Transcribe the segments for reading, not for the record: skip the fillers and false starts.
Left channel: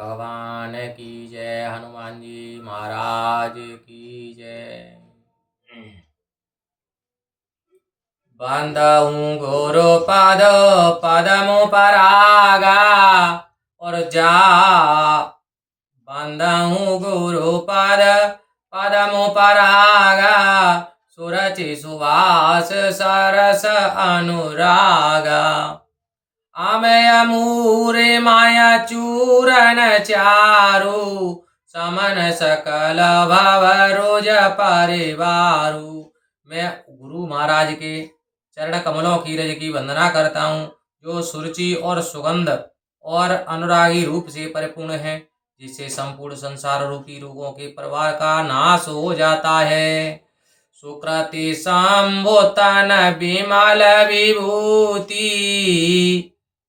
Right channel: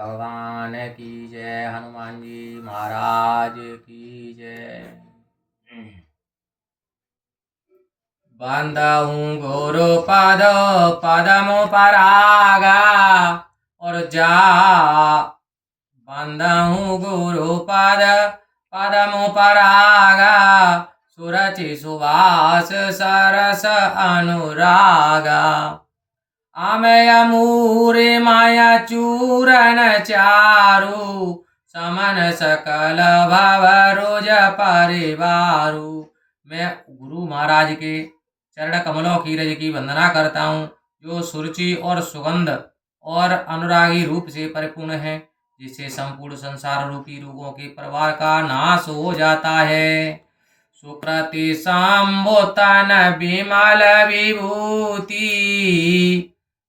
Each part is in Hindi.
भगवान की जय। हनुमान जी महाराज की जय। बंदहूँ गुरु पद पदमु परागा और जा बंदहूँ गुरु पद पदमु परागा सुरचि सुवास सरस अनुरागा अमय मूरे माया चूरन चारु समन सकल भव रोज परिवारु। मैं गुरु महाराज के चरण कमलों की रज की वंदना करता हूँ, जो सुरुचि और सुगंध और अनुरागी रूप से परिपूर्ण है, जिससे संपूर्ण संसार रूपी रोगों के प्रवाह का नाश हो जाता है। सुकृति संबोतन विमल विभूति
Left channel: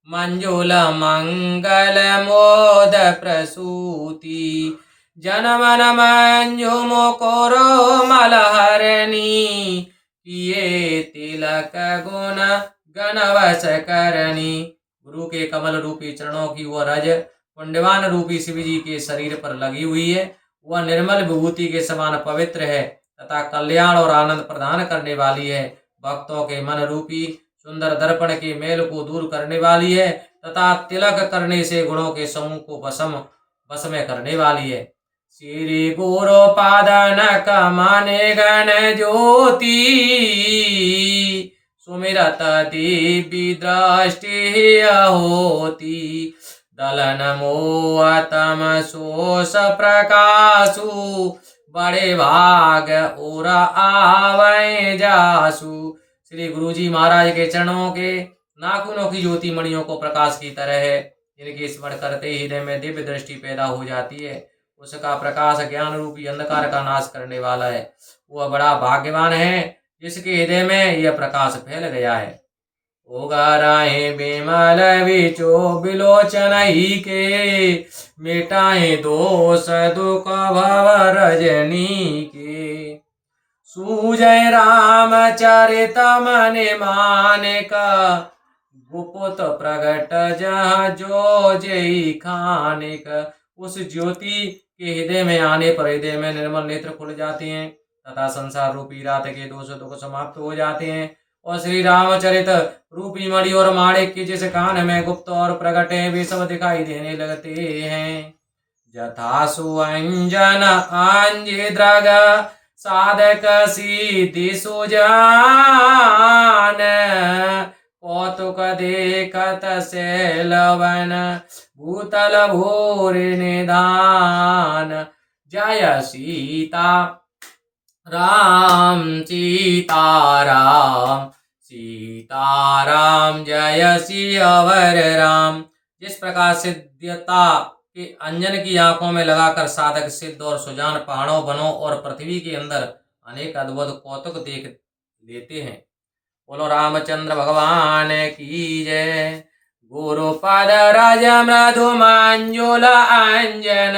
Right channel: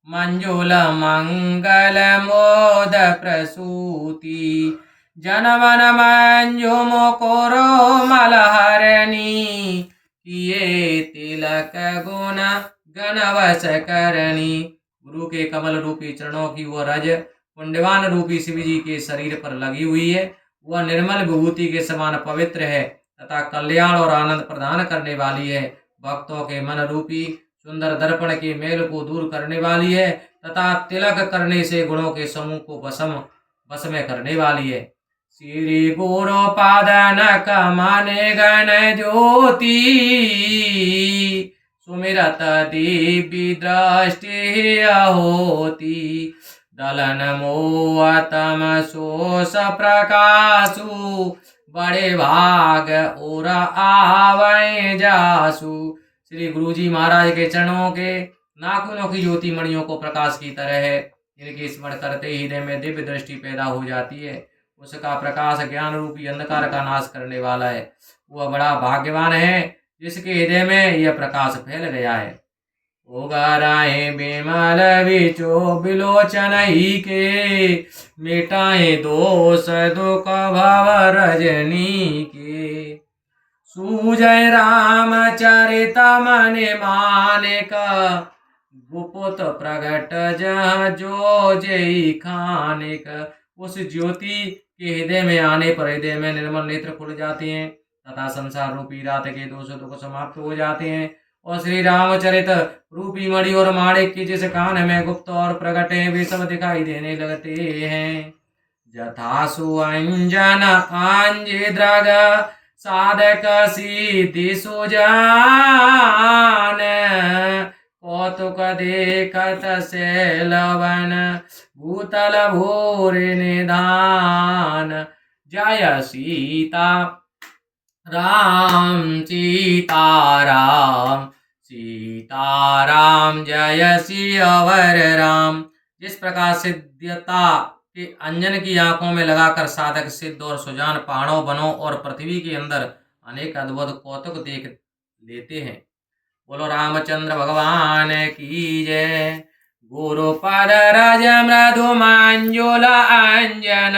मंजुल मंगल मोद प्रसूति जनमन मंजु मुकुरो मलहरणी किए तिलक गुण गणवश करणी। गुरु के कमल रूपी चरणों की वह रज पुण्यवान रूपी शिव जी के शरीर पर लगी हुई है। वह निर्मल विभूति के समान पवित्र है तथा कल्याण और आनंद प्रदान करने वाली है। भक्तों के मन रूपी सुंदर दर्पण के मेल को दूर करने वाली है तथा तिलक करने से गुणों के समूह को वश में करने वाली है। श्री गुरु पादन कमने गण ज्योति सुमिरत दिव्य दृष्टि होती दलन मोह तम शोष प्रकाशु बड़े भाग और आवे जासु। श्री गुरु जी महाराज के चरणों के नाखूनों की ज्योति मणियों को प्रकाश की तरह है। इनके स्मरण करते ही हृदय में दिव्य दृष्टि पैदा हो जाती है। उसका प्रकाश ज्ञान रूपी अंधकार का नाश करने वाला है। वह बड़ा भाग्यवान है जिसके हृदय में यह प्रकाश फैल गया है। उगाराए बिमल विचो बिलोचन ही के मिटाए दोष दुख भव रजनी के सूजय रामचरित मन मानिक गुपुत प्रगट जहाँ जो जय खानिक। उस ज्योति के हृदय में आने पर हृदय में निर्मल नेत्र खुल जाते हैं तथा संसार रूपी रात के दोष दुख समाप्त हो जाते हैं और श्री रामचरित रूपी मणि और माणिक की जिस कान में गुप्त और प्रगट है वे सब दिखाई देने लगते हैं। जथासु अंजन आंजे द्रग साधक सिद्धि सुजान कौतुक देखत शैलवन भूतल भूर निधान। जय सीता राम सीता राम सीता राम जय सियावर राम। जिस प्रकार सिद्धता के अंजन की आंखों में लगाकर साधक सिद्ध और सुजान पहाड़ों वनों और पृथ्वी के अंदर अनेक अद्भुत कौतुक देख लेते हैं। बोलो रामचंद्र भगवान की जय। गुरुपद रज मृदु मंजुल अंजन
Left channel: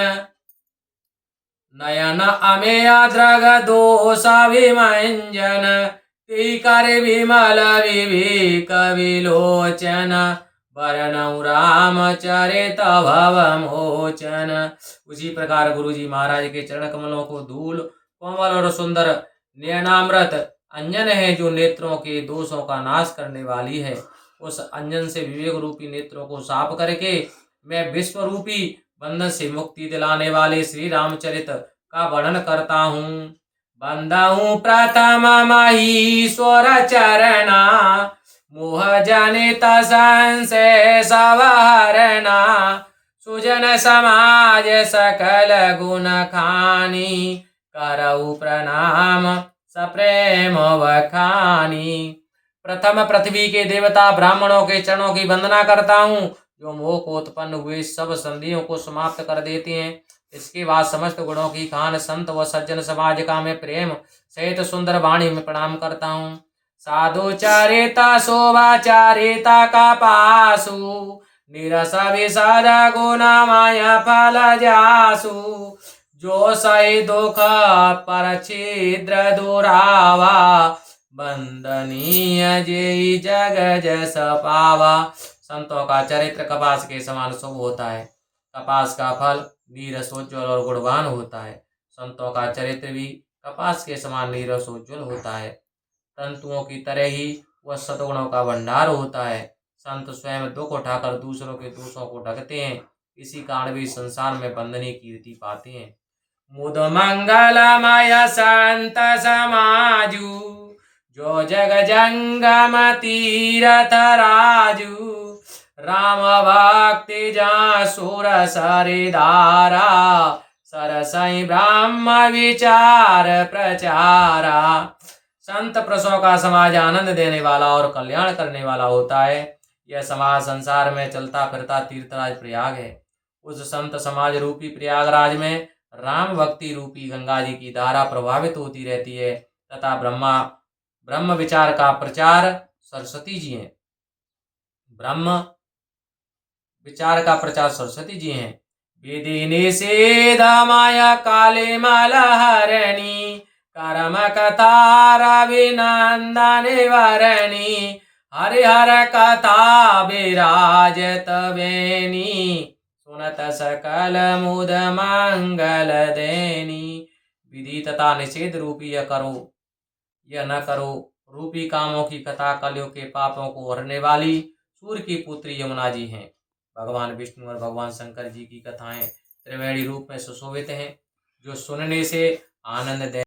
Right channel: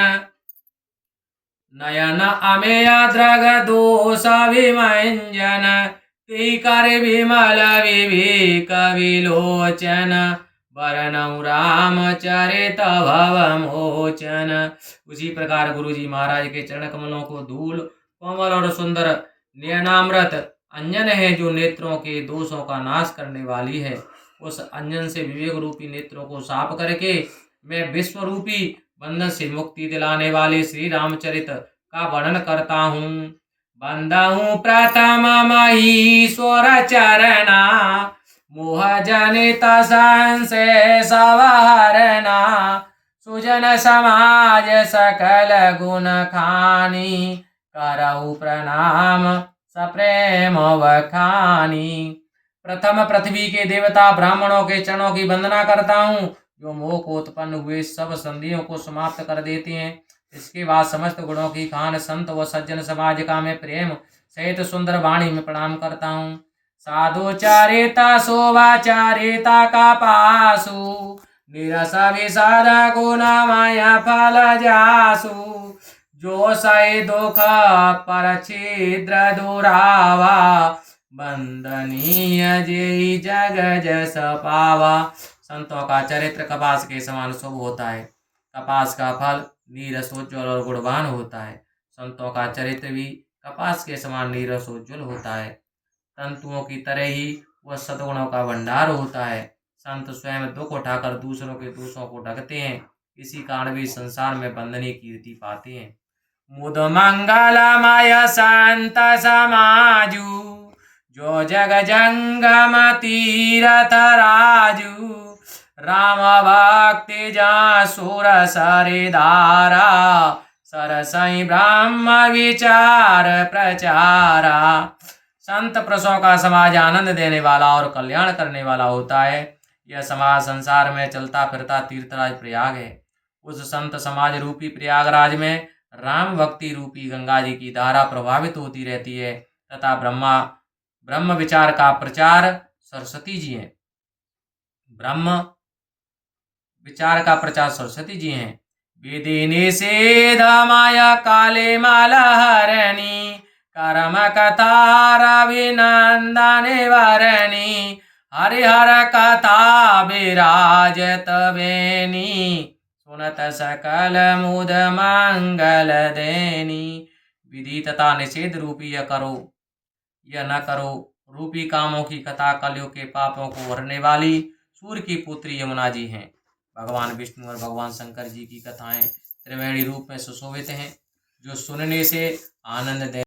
नयन अमेय द्रग दोष विमंजन कर विमल विवेक विलोचन वरणौ रामचरित भव मोचन। उसी प्रकार गुरु जी महाराज के चरण कमलों को धूल कोमल और सुंदर नयनामृत अंजन है जो नेत्रों के दोषों का नाश करने वाली है। उस अंजन से विवेक रूपी नेत्रों को साफ करके मैं विश्व रूपी बंधन से मुक्ति दिलाने वाले श्री रामचरित का वर्णन करता हूँ। बंदहूँ प्रथम महीश्वर चरणा मोह जनित संशय सवहरना सुजन समाज सकल गुण खानी करऊ प्रणाम सप्रेम वखानी। प्रथम पृथ्वी के देवता ब्राह्मणों के चरणों की वंदना करता हूँ जो मोह को उत्पन्न हुए सब संधियों को समाप्त कर देते हैं। इसके बाद समस्त गुणों की खान संत व सज्जन समाज का मैं प्रेम सहित सुंदर वाणी में प्रणाम करता हूँ। साधु चारिता शोभा चारिता का पासु निरस विषाद गुना माया फल जासु जो सही दुख पर छिद्र दुरावा बंदनीय जेई जग जस पावा। संतों का चरित्र कपास के समान शुभ होता है। कपास का फल नीरसोज्ज्वल और गुणवान होता है। संतों का चरित्र भी कपास के समान नीरसोज्ज्वल होता है। तंतुओं की तरह ही वह सद्गुणों का भंडार होता है। संत स्वयं दुख उठाकर दूसरों के दोषों को ढकते हैं, इसी कारण भी संसार में वंदनीय कीर्ति पाते हैं। मुद मंगलमय संत समाजू, जो जग जंगम तीरथ राजू। राम भक्ति जा सुर सरिधारा, सरसई ब्रह्म विचार प्रचारा। संत पुरुषों का समाज आनंद देने वाला और कल्याण करने वाला होता है। यह समाज संसार में चलता फिरता तीर्थराज प्रयाग है। उस संत समाज रूपी प्रयागराज में राम भक्ति रूपी गंगा जी की धारा प्रभावित होती रहती है तथा ब्रह्म विचार का प्रचार सरस्वती जी हैं। ब्रह्म विचार का प्रचार सरस्वती जी हैं। विधि निषेध माया काले मलहरणी, कर्म कथा रविनंदन वरणी। हरिहर कथा विराजत बेनी, सुनत सकल मुद मंगल देनी। विधि तथा निषेध रूपी यह करो यह न करो रूपी कामों की कथा कलयुग के पापों को हरने वाली सूर्य की पुत्री यमुना जी हैं। भगवान विष्णु और भगवान शंकर जी की कथाएं त्रिवेणी रूप में सुशोभित हैं, जो सुनने से आनंद दे